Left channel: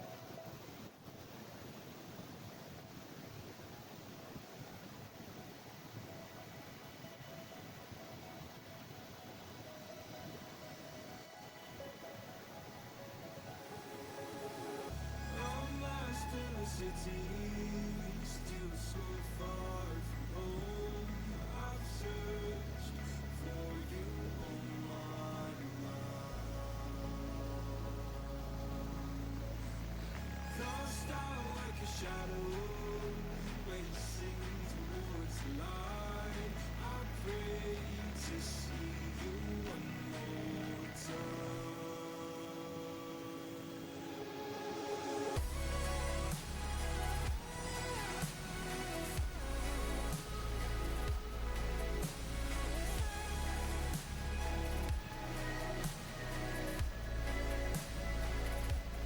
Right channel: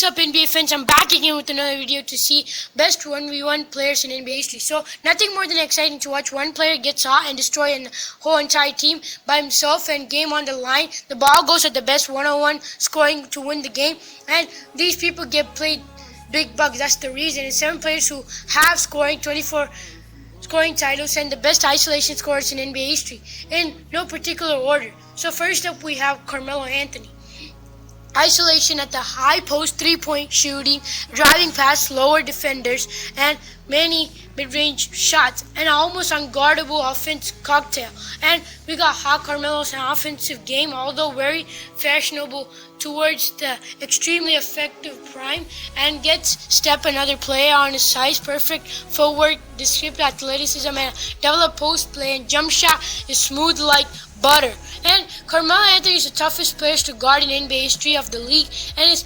is up, NBA fans? I'm back again with another video to see best 1v1 players in NBA history. So nothing more than exciting to watch one player get hot and destroy a whole entire team by himself, and game on the line. The ball goes at the best one-on-one scoring to win the game, and these people get played big bucks. That's the reason. And 7 players who have scoring 24 scoring titles and the best isolation scorers in NBA history in no particular order. So first up we have Carmelo Anthony. Isolation at the high post, 3-point shooting, driving past lower defenders, and many mid-range shots, and an almost unguardable offense cocktail. And we got hot Carmelo's offensive game, although very fashionable towards the extremely effective prime, and gets step another player on his size, perfect footwork, descriptive athleticism, and developed post play and jump shot is smooth like butter. And Carmelo Anthony is the toughest player to guard in NBA history of the league, and his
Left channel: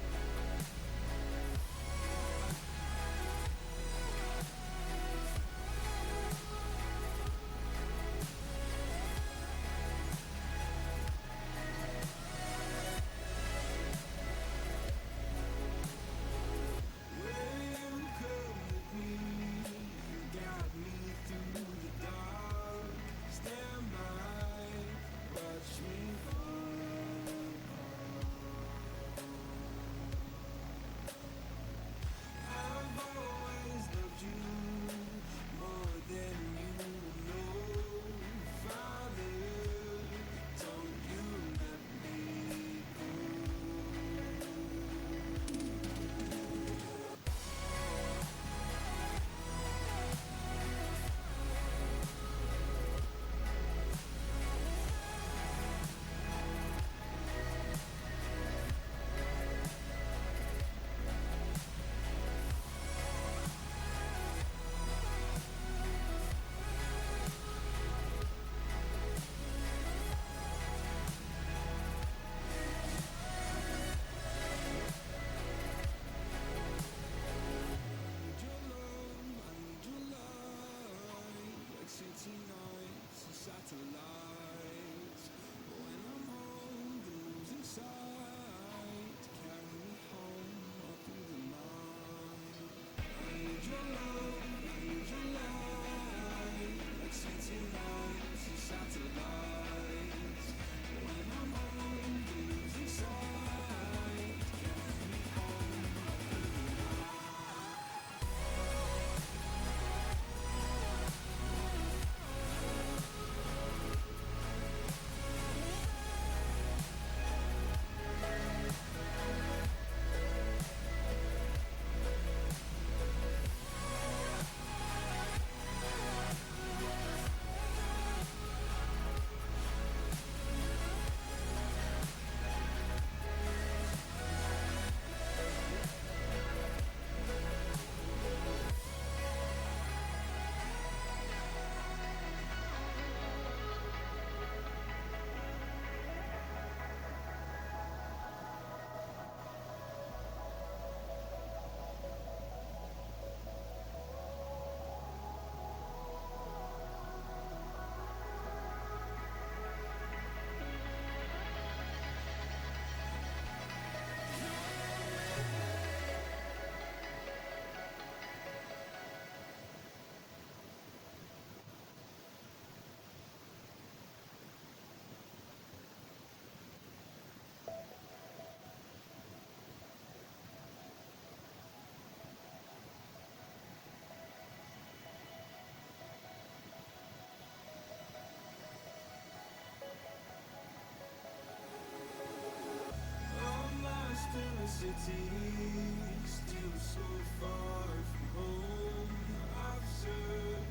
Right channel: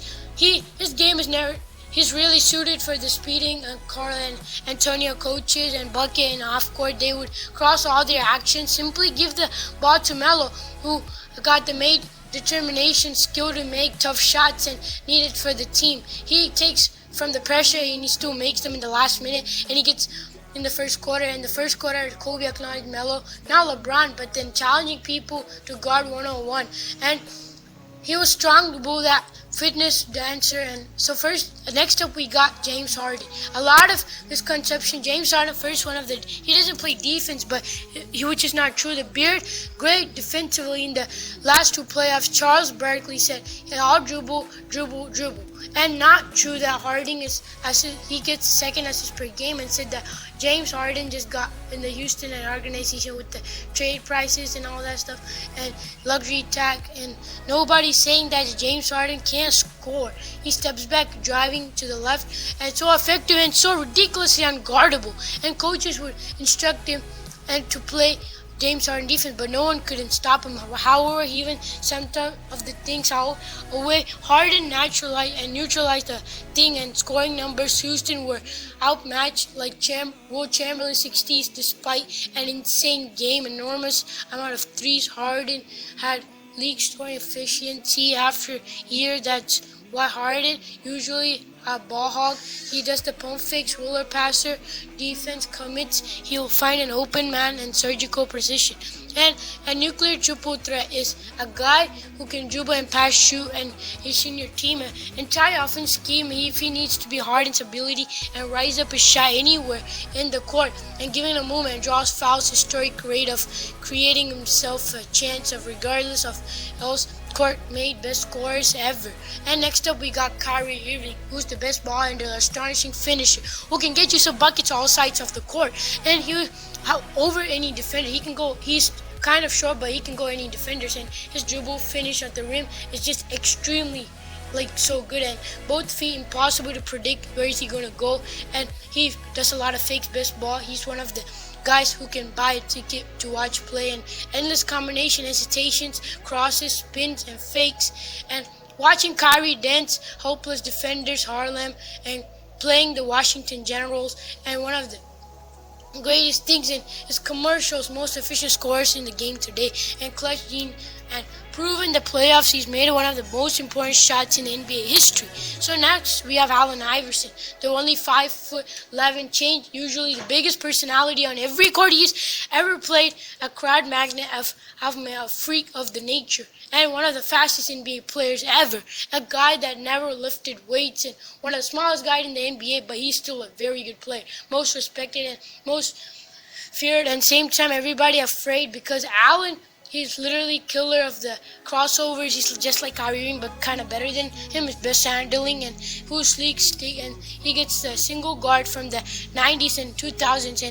game is never. He's really suited for the speeding Carl and Antonio coaches and bucket and off court. They would cross all their actions. Simply give the ball to Melo, who got the made determination, skill to make tough shots and needed for the team. He takes from the pressure and he still makes them in the last minute, and he gets in the first quarter. In the first quarter, Kobe acknowledged Melo, now LeBron, but then challenging people to guard one-on-one. And he was strong to bull that fitness dancer. And so next up we got James Harden. A lot of misconception. James Harden, he doesn't play defense, but which is not true. The beard, great defensively in the last 2 playoffs. Charles Barkley said, "I'll dribble, dribble, dribble." And not true that Harden he gets second assist per game, and said that James Harden just got in the Houston organization with the trade prices and all that stuff and luxury tag, and nobody's saying that James Harden can't score. He steps back driving to the left, and so effective and so ridiculously unguardable, and coaches would instruct him and to play James Harden defense, but no one couldn't stop him. However, he even some of the things away. Harden neutralized the thing, and scoring numbers, Houston were outmatched like Will Chamberlain 60s despite an insane game, enormous amount of threes. Harden had league scoring efficiency after year. That's why Harden, usually a ball hog, he does the pump fakes, ruler passer, defense commits, he'll find an open man and surgical precision. And a nuclear triple threat is a guy who can dribble and pass, shoot, and is in your team. An entire offense scheme, if he needs to be Harden's ability and rise up his shot anywhere in the court, and giving a movement, draws fouls, historic rate of creating himself a chance of regardless of those court-made best scorers ever. And next up we got Kyrie Irving, who's the best ball handler, astonishing finisher, who can get you some buckets all sides of the court, and over any defender. He's kind of short, but he can go any defenders, and his dribble finish at the rim is just extremely so good, and both feet impossible to predict where is he going to go, and he does a lot of fakes, best ball. He's one of the guys who can buy a ticket to watch play, and endless combination, hesitations, crosses, spins, and fakes. And watching Kyrie dance hopeless defenders, Harlem, and playing the Washington Generals, and one of the greatest things in his commercials, most efficient scorers in the game today, and clutch gene, and proven the playoffs he's made one of the most important shots in NBA history. So next we have Allen Iverson, the only 5'11" change, usually the biggest personality on every court he's ever played, a crowd magnet, a freak of the nature, and one of the fastest NBA players ever, a guy that never lifted weights, and one of the smallest guys in the NBA, but he's still a very good player, most respected and most feared, and same time everybody afraid, because Allen, he's literally killer of the crossovers. He's just like Kyrie Irving, but kind of better than him. His best handling, and who's sleek stick, and he gets the single guard from the 90s and 2000s,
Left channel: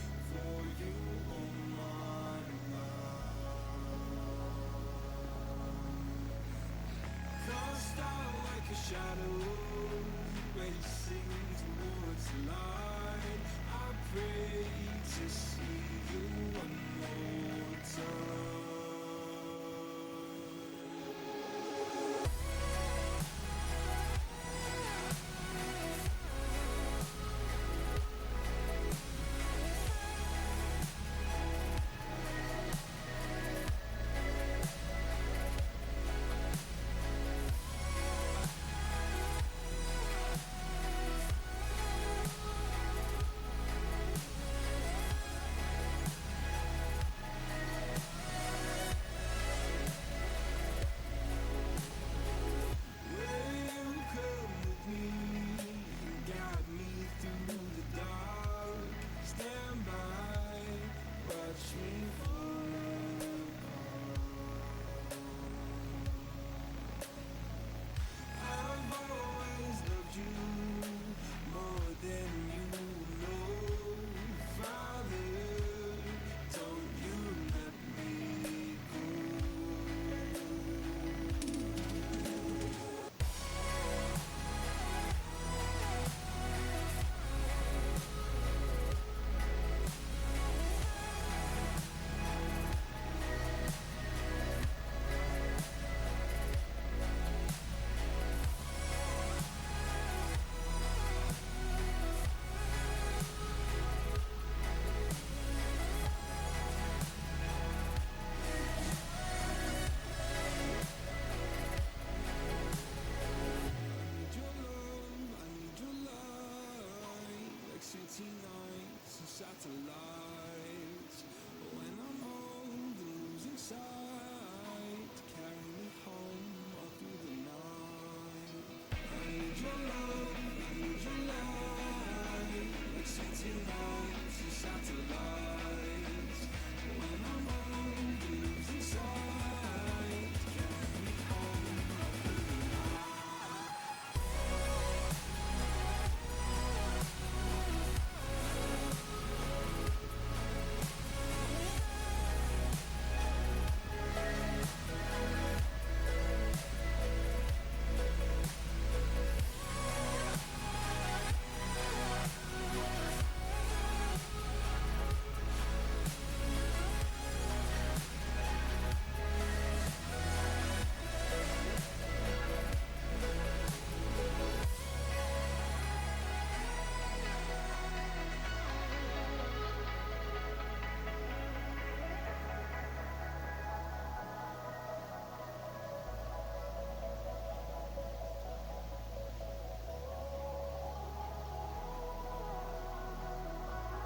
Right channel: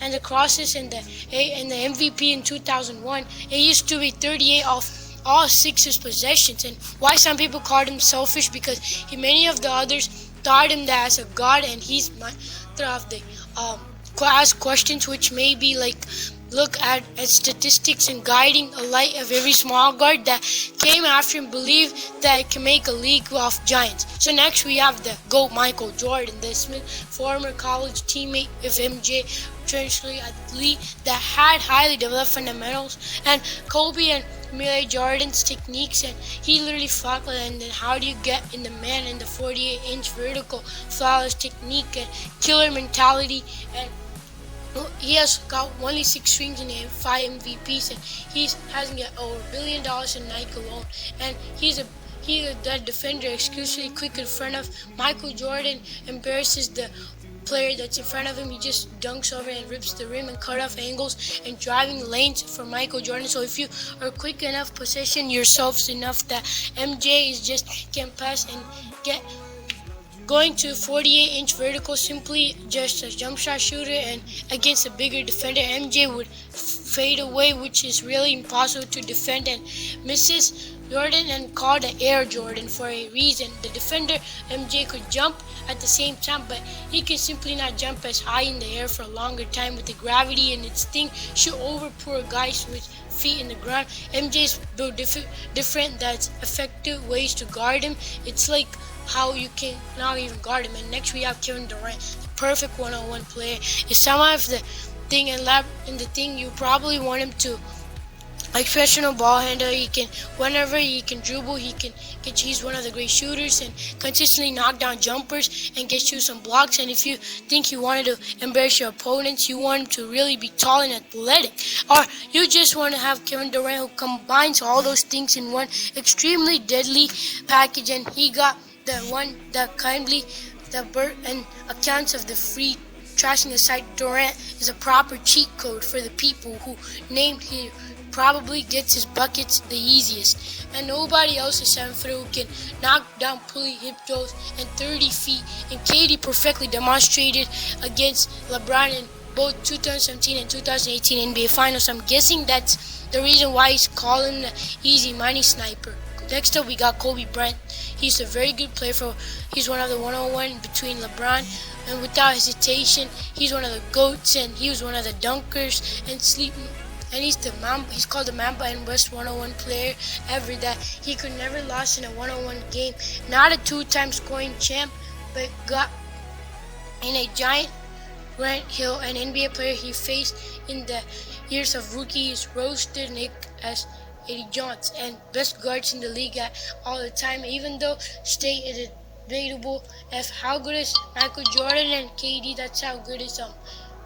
and the crosses and the MVP in 2001. It used to be 38 off all Sixers possessions. And why some people called him selfish, because many of the others thought him that as a god, and he's of the ask questions which may be look at statistics and guiding a light of every small guard that came after him believed that it can make a league of giants. So next we have the GOAT Michael Jordan, the Smith, former college teammate of MJ, traditionally athlete that had highly developed fundamentals, and Kobe and Michael Jordan's techniques, and he literally fought with it. And then how do you get in the man in the 48-inch vertical flawless technique and killer mentality, and he has got only 6 rings and 5 MVPs, and he hasn't got over $1 billion in Nike alone. And he that defender exclusively quick in front of Michael Jordan, embarrasses the player that's in front of him. He just dunks over and rips the rim and cut off angles and driving lanes for Michael Jordan. So if you are quick enough, position yourselves enough that MJ is just can pass and get going to 48-inch vertical simply just a jump shot shooter, and against a bigger defender, MJ would fade away, which is really impossible to defend, and misses Jordan and called the Air Jordan for a reason. The defender MJ could jump at the same time, but he can simply not jump as high in the air for a longer time with the gravity, and its thing should overpower guys with feet in the ground. MJ's built different. That's effective ways to guard him. It's like how you can not even guard him. And next we have Kevin Durant, the perfect one-on-one player. Is some of the thing and the thing you probably want him to. Like professional ball handler, he can whenever he can dribble, he's one of the great shooters and consistently knock down jumpers and get you some blocks. And if you think you wanted to embarrass your opponents, you want him to really be tall and athletic, or you just want to have Kevin Durant who combines all those things in one extremely deadly package. And he got the one that kindly the bird and accounts of the free trashing the site. Durant is a proper cheat code for the people who named him. Probably gets his buckets the easiest, and nobody else is 7 foot who can knock down pulley hip throws and 30 feet. And KD perfectly demonstrated against LeBron in both 2017 and 2018 NBA Finals. I'm guessing that's the reason why he's calling the easy money sniper. Next up, we got Kobe Bryant. He's a very good player. He's one of the one-on-one between LeBron, and without hesitation, he's one of the GOATs, and he was one of the dunkers and sleeping. And he's called the Mamba and best one-on-one player ever. That he could never lose in a one-on-one game. Not a 2-time scoring champ, but got in a giant Grant Hill, an NBA player he faced in the years of rookies, roasted Nick as Eddie Johnson and best guards in the league at all the time. Even though state is debatable as how good is Michael Jordan and KD, that's how good is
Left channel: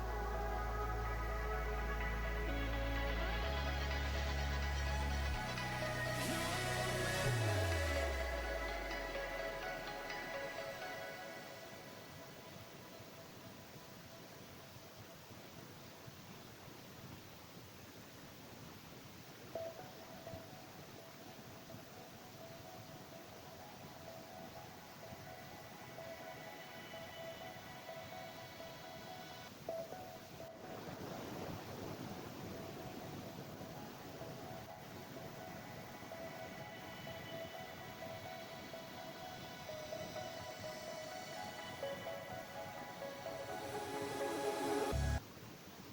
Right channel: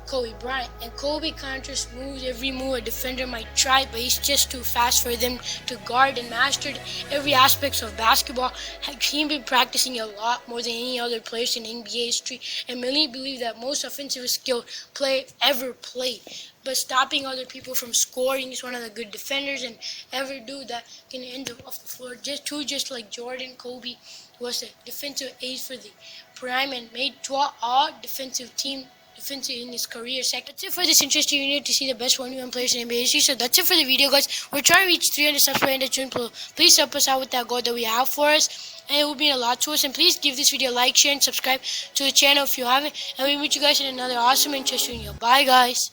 Kobe Bryant. And Kobe counters moves every move a defender might try, but he's just too fast for them to guard, and mastered every aspect of basketball. He's been practicing a lot more than any other players in NBA history, and many believe that most offensive skilled player ever played. But stopping other people from scoring is one of the good defenders and ever do that can end up off the floor. Just like Jordan, Kobe was a defensive ace for the prime and made 12 all defensive team in his career sector. That's it for this interesting video to see the best 1v1 players in NBA history. So that's it for the video, guys. We're trying to reach 300 subscribers in the channel. Please help us out with that goal that we have for us, and it will mean a lot to us. And please give this video a like, share, and subscribe to the channel if you haven't. And we'll meet you guys in another awesome interesting video. Bye, guys.